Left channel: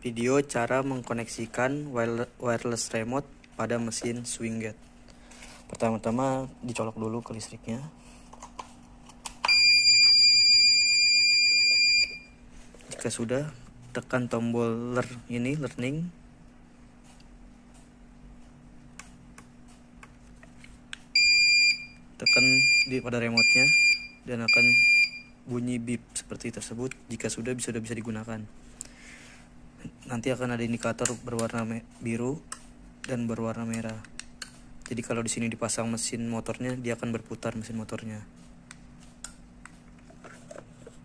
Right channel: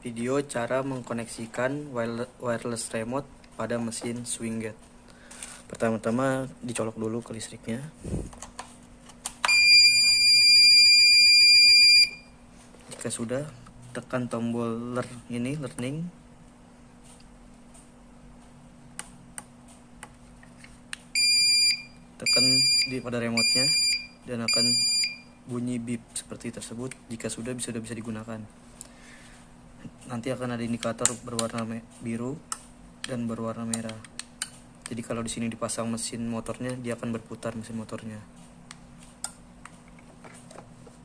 Video cara mengkoneksikan wireless remote pada mesin swing gate. Pertama-tama dicolok dulu ke listriknya. Jika sudah, tekan tombol learning. Tekan pada remote-nya dan akan bunyi beep seperti tersebut. Jika sudah bisa digunakan. Nanti akan ada indikator berwarna biru dan berwarna merah. Jadi kalau di sini dipasang mesin motornya, dia akan berputar mesin motornya.